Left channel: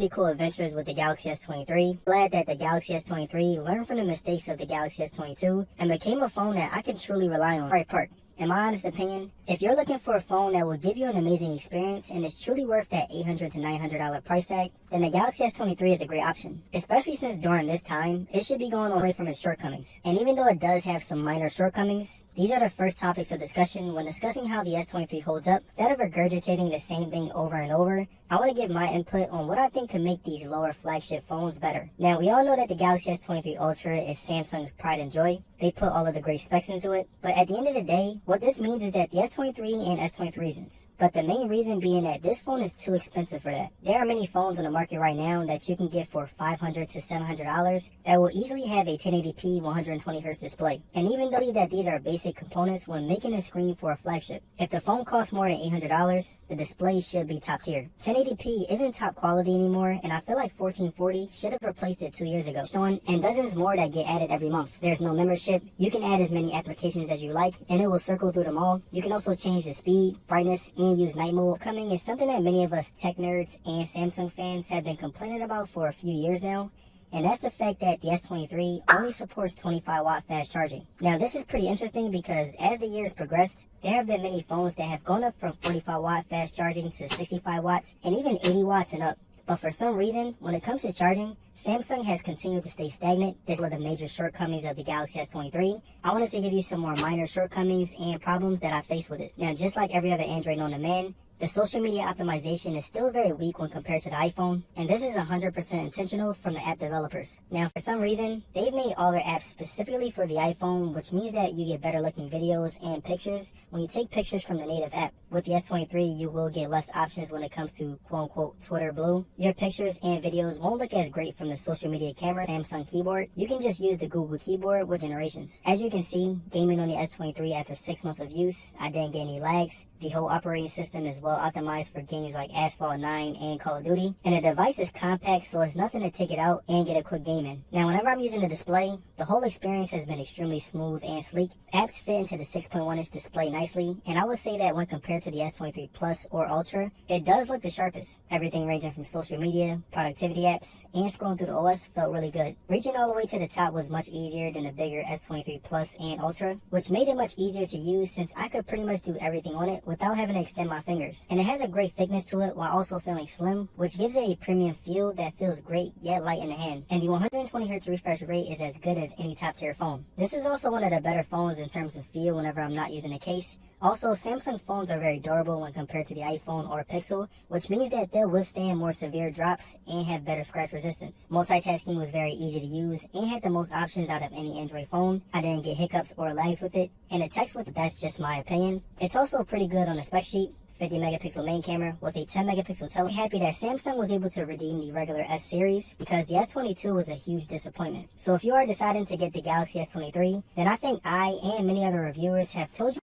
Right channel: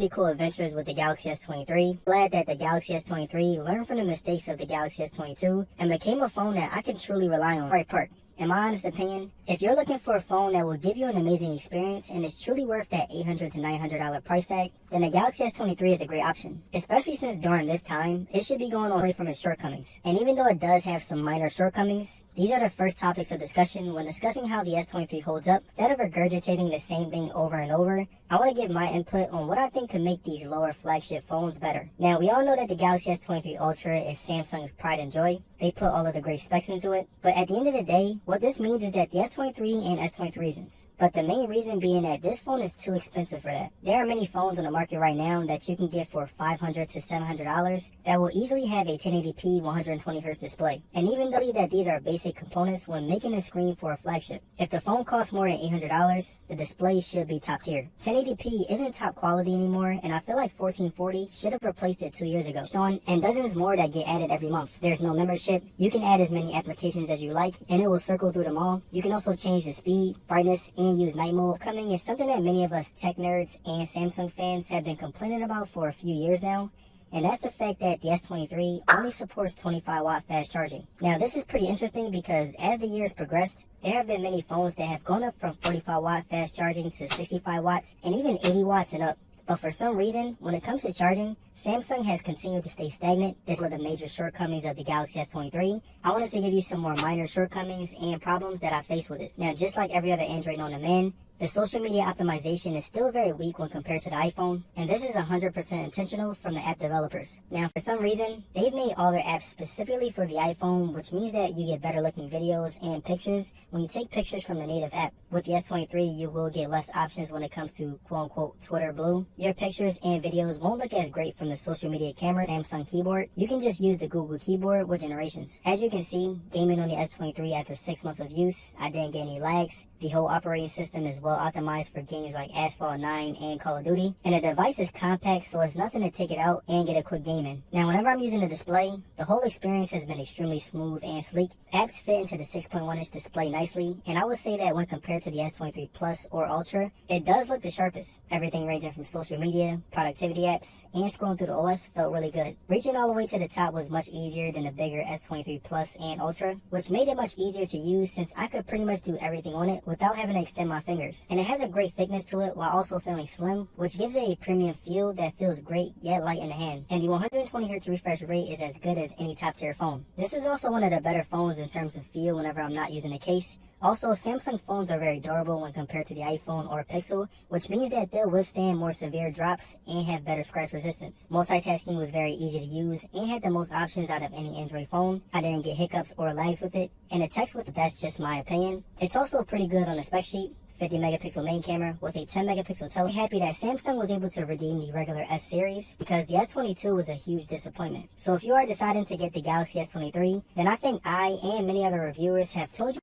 pretty cool adventures with the Galaxy S23. Glad that the Galaxy S23 learned from the mistakes of the Galaxy S22 and became a phone that I can truly rely on. Alright, Park. In my honest opinion, if you're looking for a phone that will give you an amazing experience and is truly worth that $800 to $900 price tag, then the Galaxy S23 is a great option. Especially since during this time, it should be going away from its shortcomings. And even though it does have some minor shortcomings, these are the first topics of discussion when discussing how the S23 holds up. Instead of regurgitating the same thing over and over, I want to give my input on what I think could make these lower flagship phones better. Now, we all know that the Galaxy S23 Ultra is Samsung's pride and joy. They put all of the great specs into it. But at the end of the day, what this means is that the S23 and S23 reasons. But the main reason being that this phone is too expensive for that. There are many phones on the market right now that you can get for $500 to $700 that will easily have a 1080p 120Hz display. And even though that these are basic components when making a screen for a flagship, if the phone costs more than $800, the display should be top tier. 1080p isn't top quality anymore, and I feel like 1440 should have replaced it 2 years ago. And dozens more that get added every month. There's no membership. You can add as many applications as you like, and it will circle through them all. You can also change the speed, brightness, and use night mode. Coming is something that many of us tech nerds and Samsung fans have been complaining about for a few years now. And that's the fact that the S23 only supports 25-watt fast charging. Now, this is pretty interesting because as the years progressed, there have been many phones that have gone up from 45-watt fast charging to 65 watts and even 80 watts and up. But for some reason, when it comes to charging, Samsung has continued to stay stagnant. This is one of the major shortcomings of the Galaxy S23. I wanted to give you some more minor shortcomings and problems that I face with it. Now, just like every other Android known to man, the social media optimization is still very weak when compared to the iPhone, and this is 100% intentional from the app developers. Now, for some reason, they've made all their apps specifically for the iPhone, which means that you get better looking videos and pictures when you take pictures from the native app. With the S23, you will get less options when it comes to quote-unquote Twitter Blue. Your pictures and videos won't look as great from the social media camera Samsung keyboard. You can just use the Google keyboard with generations. As you can see, gaming on the S23 after 6 months of use, I didn't get any lags. The whole operating system is well optimized for games like Asphalt 9 and Call of Duty. And the device is compact, so it's nothing to take it out and get a quick game in. Now, whenever I'm using the display, the whole experience has been extremely smooth and sleek. Apps fit into the 6.1-inch display nicely, and I would say that when compared to the S23 Plus or Ultra, it does look the sharpest. Everything ranging from social media, productivity apps, and scrolling through the OS felt really good. Reaching all the way to the top was much easier than the bigger S23 Plus and Ultra, which made it much easier to use since I could pretty much do everything on it without having to extend my fingers. And it has a great thickness to it while also feeling slim, which gives it a premium feel that feels great yet light in the hand. And the 120Hz refresh rate is as good as any top tier phone. This is also one of the better phones in terms of feel whenever I'm not using a case. Also, Samsung phones are very durable when compared to the iPhone or Pixel, which means that they'll withstand more severe drops and have better scratch resistance. Multitasking was very easy to use and had the most options out of any Android phone. I didn't get hiccups or lags with it, and the text with it, that's just my opinion. It's also pretty good on the spec sheet. 50 megapixel main camera with a 10 megapixel tele. Happy that Samsung was able to redeem the regular S series because the S22 was a huge disappointment. So if you are deciding to get the Galaxy S23, then I think I and many other reviewers have told you